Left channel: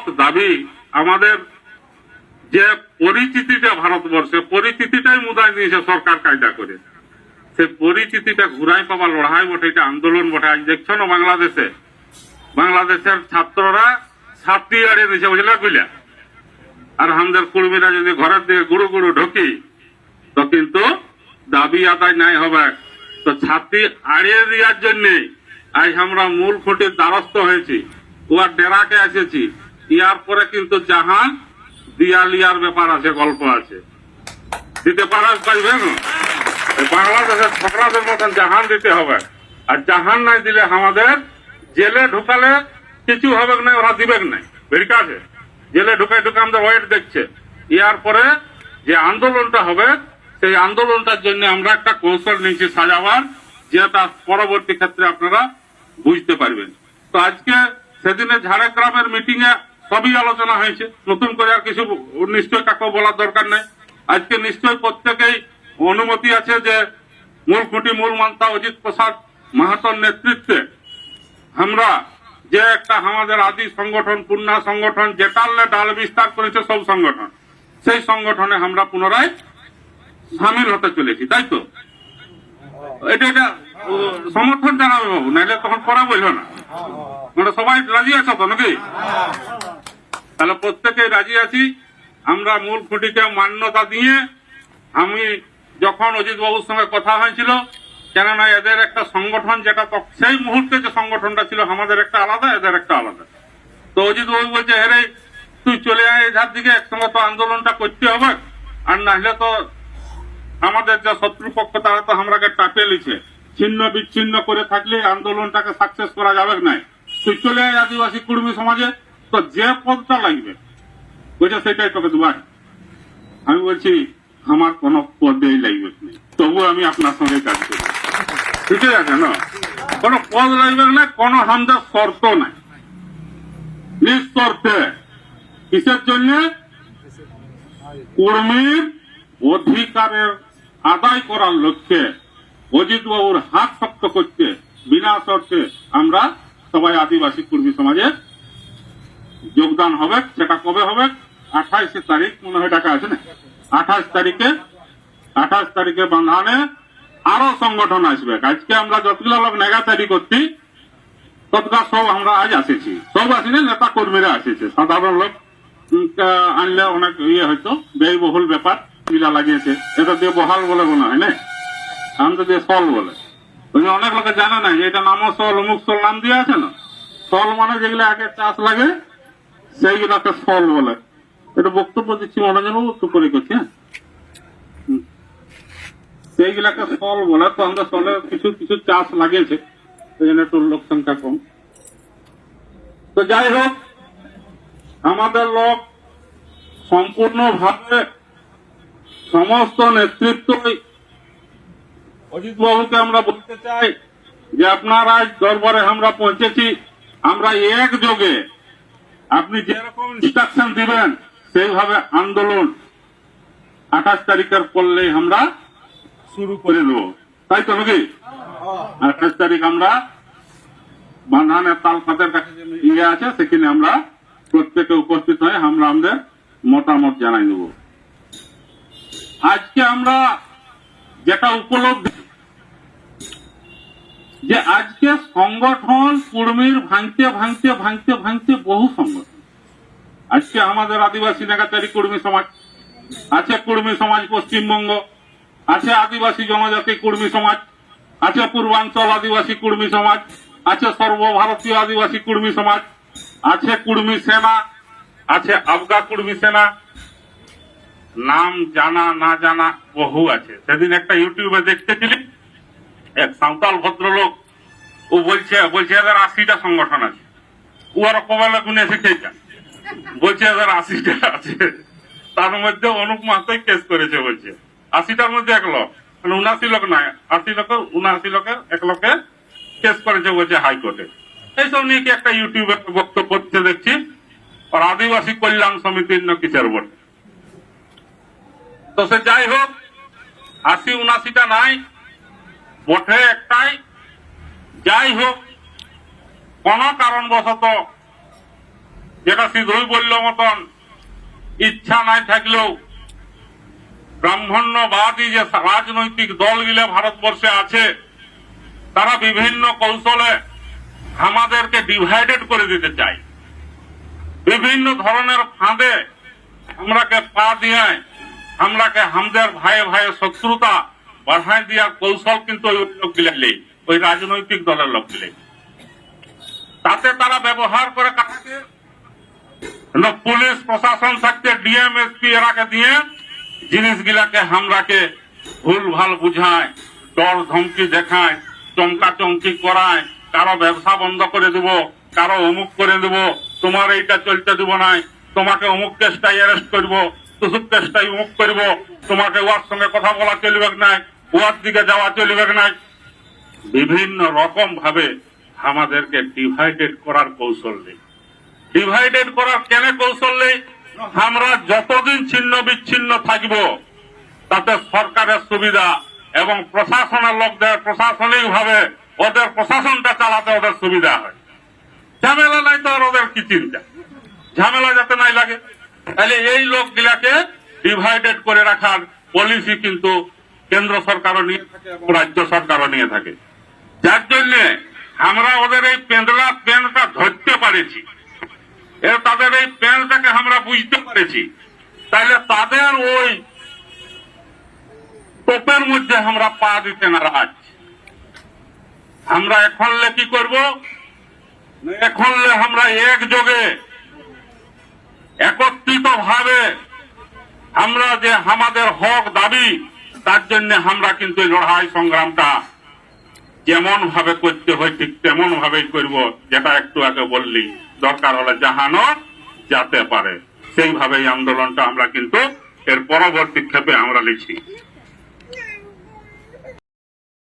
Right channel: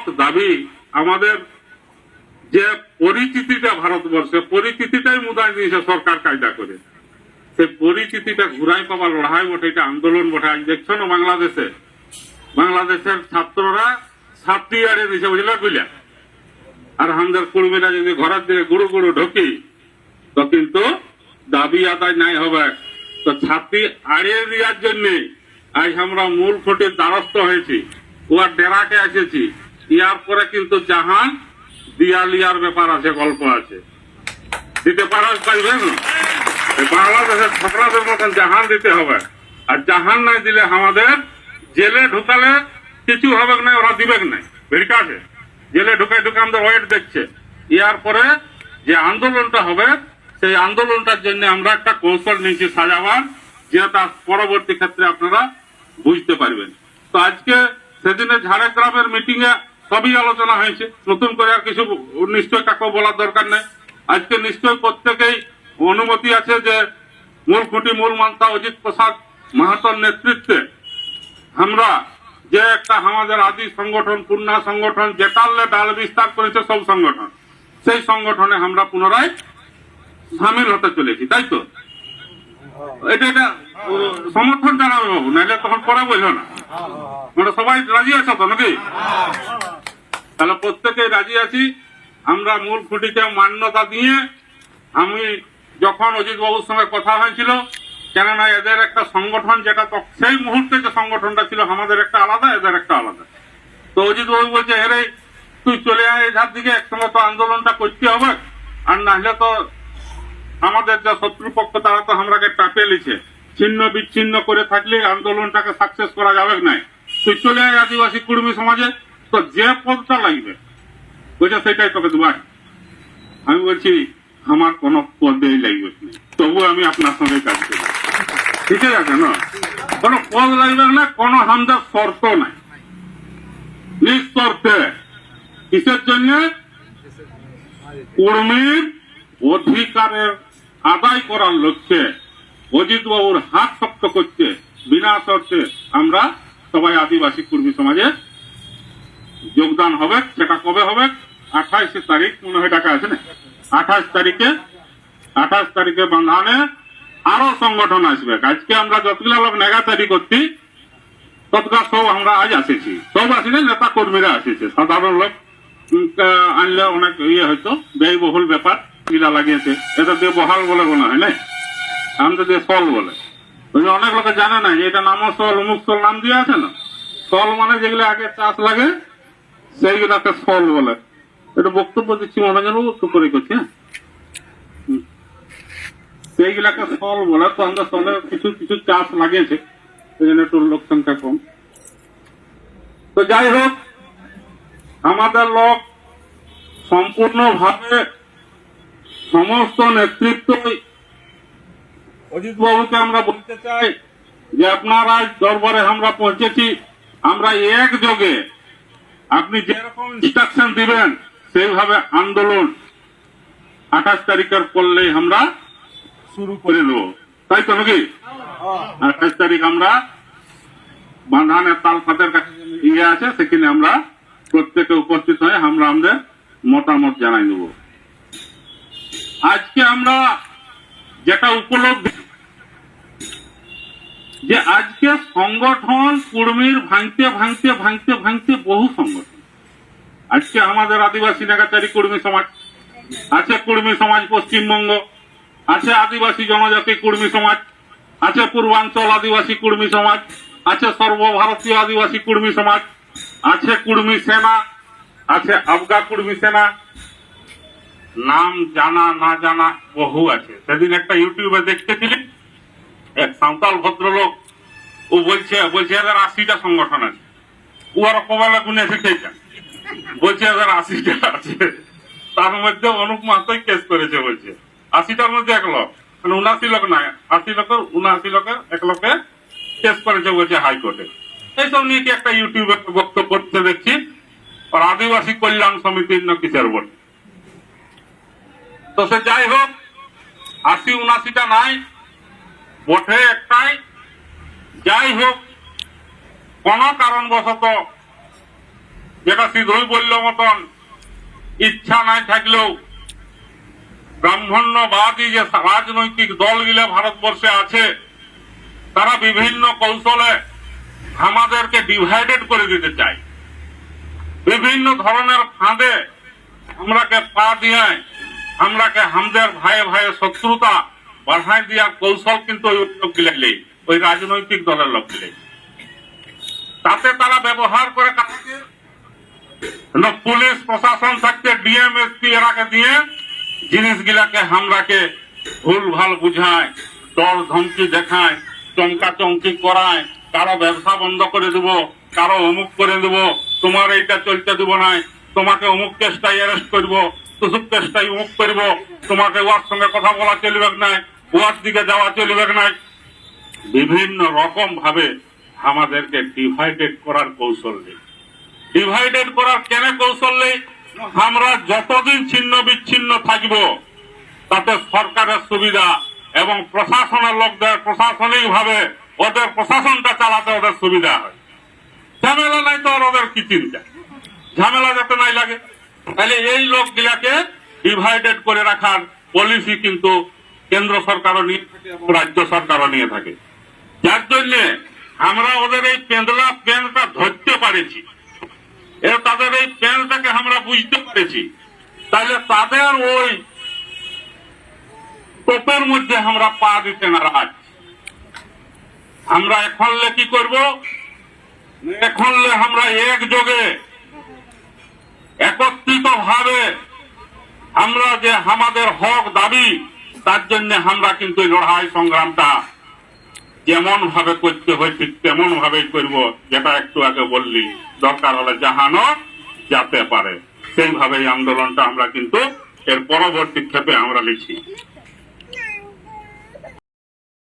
হক দাবি আমাদের যে পরিচিতিটা ভারতবর্ষে পরিচিতিটাই মুদায় দিয়েছে সরকার কায়দা করে, সেই পরিচিতিটা ঘুরাই পাওয়া লড়াই বটে, এটা আন্দোলন বটে। আজ দেখছো না বাংলাদেশের ছাত্ররা ছাত্রী আড়িয়ে দিয়েছে, বুঝলে বুঝলা। আর আমাদের কর্মীরা যদি ঘরের দিকে গুরু গুরু ঢুকি তো কিন্তু দাবি আদায় নাই হবে। তো ছাত্রী আড়িয়ে দেওয়ার জন্য আজ আমরা মূল খুঁটির দ্বারস্থ হয়েছি, ওয়ার ডেরাকে এসেছি। ইয়ার পরে কিন্তু জাহান দিয়ালিয়ার ব্যাপার আছে, গল্প আছে, দিতে পারবে না। বাংলাদেশের ছাত্রদের মতন জাহান দিতে হবে। আর জাহান নাই দিলে আমাদের জেলে ঢুকালে কিছু হবে না, ওরা দিবে না। ঠিক আছে, জেলে ঢুকায় আমাদের ওয়েট দেখছে। ইয়ার পরে যে আন্দোলনটা হবে সেই আন্দোলনটার জন্য আমরা একটা কৌশল নিয়েছি সাজাবার, যেটা পরবর্তী ক্ষেত্রে আপনারা বুঝতে পারবেন। তো আজকে সেদিনে ঝাড়গ্রামের মিটিং এ সবই আলোচনা হয়েছে, নতুন করে আর কিছু নিশ্চয় কাকে বলার দরকার নেই। আজকে নিশ্চয় প্রত্যেকেই অনুমতি আছে যে মূল খুঁটি মূল মান্তা অজিত প্রসাদ মাহাতোর নেতৃত্বে আমরা যে একটা আমাদের আদি সংগঠন পূর্ণা সংগঠন যেটালে ডাল বিস্তার করেছে সব সংগঠন, সেই সংগঠনে আমরা পুনরায় সামিল হতে চলেছি, তাই তো? এটা সমর্থন জানাবে বাবু, নাহলে তখন পরে বললো না। আমরা সবাই রাজি আছো তো নাকি? তাহলে প্রত্যেকেই রাজি আছি। আমরা মূল খুঁটিকে মান্যতা দিয়ে, আমি যখন অজিত বাবুর সঙ্গে কথা হয়েছিল, কেননা এদের একটা সংগঠন যেটা সেই মুহূর্তে যে সংগঠনটা ছিল আমাদের একটা আলাদা, এদের একটা আলাদা। তো অজিত বাবু বলছে, হেরে তুই চলে আয় এধার দিকে, একসঙ্গে তো আন্দোলনটা করতে হবে, আর নাহলে তো আমাদের যে শত্রুপক্ষ তারা তো আমরাকে টাপে লিছে, ছিন্ন বিচ্ছিন্ন করে থাকলে আন্দোলনটাকে সাকসেস করা যাবে না। তুই চলে আয় আদিবাসী কর্মী সমাজে, তো যে পদটা লাগবে বলছে সেটাই তোকে দেবো। আমি বলছি আমার কোন পদেই লাগবে না, তবু আমি আপনার সঙ্গে কাজ করি, ঠিক আছে না? কোন পদ লাগবে না, কোন আমাদের শর্ত নাই, নিঃশর্তে। কিসের জন্য? কর্মীর অধিকারের আদায় করার লক্ষ্যে অজিত বাবুর হাত শক্ত করতে বিনা শর্তে আমরা সবাই আদিবাসী কর্মী সমাজে যোগদান হবে। সেটা কবে হবে? 28 তারিখ মনে হয় ডাকা আছে না, 28 তারিখে বান্ধানে আরো সংগঠন আসবে। আজকে আমরা যতগুলো লোক নেগাতারি করছি ততটা সব আমরা আজ আসেছি, সব আসেনি, নেতা কর্মীরা আসেছে। সাধারণ লোক আনলে অনেক ইয়ে হয়তো ব্যয়বহুল ব্যাপার কিরা লাগিয়েছে, এটা দিয়ে বহাল বলে মনে হয় না, আমাদের দিয়ে সল বলে। অনেক লোকে জানে না যে এটা নাম সল, অমুক সল নাম দিয়ে আছে না। সল মানে যেগুলো আগে চাষ লাগে সেইগুলাকে সল বলে। এটা বক্তব্য দিচ্ছি মনোজন একটু করে করছি, হ্যাঁ, সেইগুলাকে সল বলে। তো আমরা সলে কিছু কিছু চাষ লাগিয়েছে, সেই জন্য একটু লোক সংখ্যা কম। তো যাই হোক, আমাদের লোক সম্পূর্ণভাবে সমস্ত নেতৃত্ব অজিত বাবুকে আমরা বলতে চাই যে আপনারা দরবারে আমরা পৌঁছেছি, আমরা একযোগে আপনি যেরকম ইনস্ট্রাকশন দিবেন সেইভাবে আন্দোলন 28 তারিখের পড়লেই আমরা শুরু করে দেব, তাই তো নাকি? 28 তারিখ আমরা বান্ধানের তালফাতের কাছে ইয়ে আছে, সেখানে আমরা প্রত্যেকে উপস্থিত হয়ে আমরা আমাদের মতামত জানাই দেব। আজকে আমরা যেটা উপলব্ধি যে আজকে সংগঠন কর্মীর ভাঙতে ভাঙতে ভাঙতে ভাঙতে বহু সংগঠন। আজকে আমাদের আদিবাসী নেগাচারী কর্মী সমাজ আছে, কর্মী সমাজ পশ্চিমবঙ্গ আছে, আদিবাসী জনজাতি কর্মী সমাজ আছে, পূর্বাঞ্চল আদিবাসী কর্মী সমাজ আছে, সর্বভারতীয় আদিবাসী কর্মী সমাজ আছে, কর্মী সেনা আছে, আবগা কর্মী সেনা, নাম জানা না জানা বহু আছে। সেদিন একটা ইউটিউবে দেখতেছিলি, এক সাঁওতাল ভদ্রলোক, ও বলছে এদের 80টা সংগঠন আছে। ও আর কবেলা গুনে শিখেছেন, বলছে এদের 80টা আছে, তার মধ্যে অনুপ মাহাতোই কেস করেছে, বলছে 80টার মধ্যে এক লোক, মানে 79 লোক না, 79 লোকের এক লোকে কেস করেছে বলছে হাইকোর্টে। এইসব নিয়ে কি একটা ইউটিউবে বক্তব্য করতে দেখছি, আর আদিবাসী কল্যাণ সমিতির কিসের বটে। তো সে যাই হোক, 80-79টা নাই, বটে একটাই। যাই হোক, কোন কারণবশত যেটা সিধুই বলল মতন ইচ্ছা নাই থাকলেও ব্রাহ্মণ্যবাদী যে রাজনৈতিক দলগুলো ভারতবর্ষে আছে তারা বিভিন্ন কৌশলে আমাদেরকে ডিভাইডেড করে দিতে চায়, বিভিন্ন ধরনের ফাঁদে আমরাকে পা দিয়ে আমরাকে আমাদের ভাইয়ে ভাইয়ে শত্রুতা বাড়াই দেওয়ার কৌশল কিন্তু ওই লোক গিলে ওই রাজনৈতিক দলের লোক গিলে তাতে তারা ব্যবহার করে কাটাকে পুলিশ প্রশাসন থাকতে ডিএম এসপি এরাকে দিয়ে জিনিসগুলাকে আমরাকে ভুল ভাল বুঝায়, ডর ধমকি দেখায়, চমকা চমকি করায়, কারো ব্যবসা বন্ধ করে দেব, কারো অমুক করে দেব, তোমার এইটা চলতে দেব নাই, তোমাকে অমুক কেসটাই অ্যারেস্ট করব, তুসুক কেসটাই অমুক করব, তোমাকে ওয়ার সঙ্গে কথা বলা চলবে নাই, ওয়ার দিকে যাওয়া চলবে নাই। বিভিন্ন রকম ভাবে আমাদেরকে ডিভাইডেড করার কৌশল নেই। ডিভাইডেড করার কেন কৌশল নেই? আমরা যতদিন ছিন্ন বিচ্ছিন্ন থাকব তাতে সরকারের সুবিধা এবং প্রশাসনের লোকদের প্রশাসনিক ভাবে ওদের প্রশাসনটা চালাতে ওদের সুবিধা হয়। ঝামেলা নাই তো আর ওদের কি চিন্তা, ঝামেলা যাতে নাই লাগে। তাহলে এই লোকগুলাকে ডিভাইডেড করে রাখার পলিসি কিন্তু কেন্দ্র সরকারও নিয়ে থাকে এবং রাজ্য সরকারও নিয়ে থাকে। যার জন্য আমরা ওদের এই পেঁদলা পেনটা ধরতে পারেছি, তাদের এই পেনটাকে আমরা বুঝতে পেরেছি, তাহলে তাদের ওই তোপের মধ্যে আমরা পা দিতে নারাজ। আমরা এখন কি করব? এখন আমরা একযোগে একত্রিত ভাবে আমরা যে আমাদের হক দাবি তার জন্য আমরা কিন্তু লড়াই সংগ্রামটা যেমন ভাবে করতে হয় ঠিক তেমন ভাবেই করব, যেটা একটু আগে বললি, দরকার হলে জাহানো যেতে পারে সেইভাবে আন্দোলনটা আমরা কিন্তু এর পরবর্তী ক্ষেপে আমরা লিখি।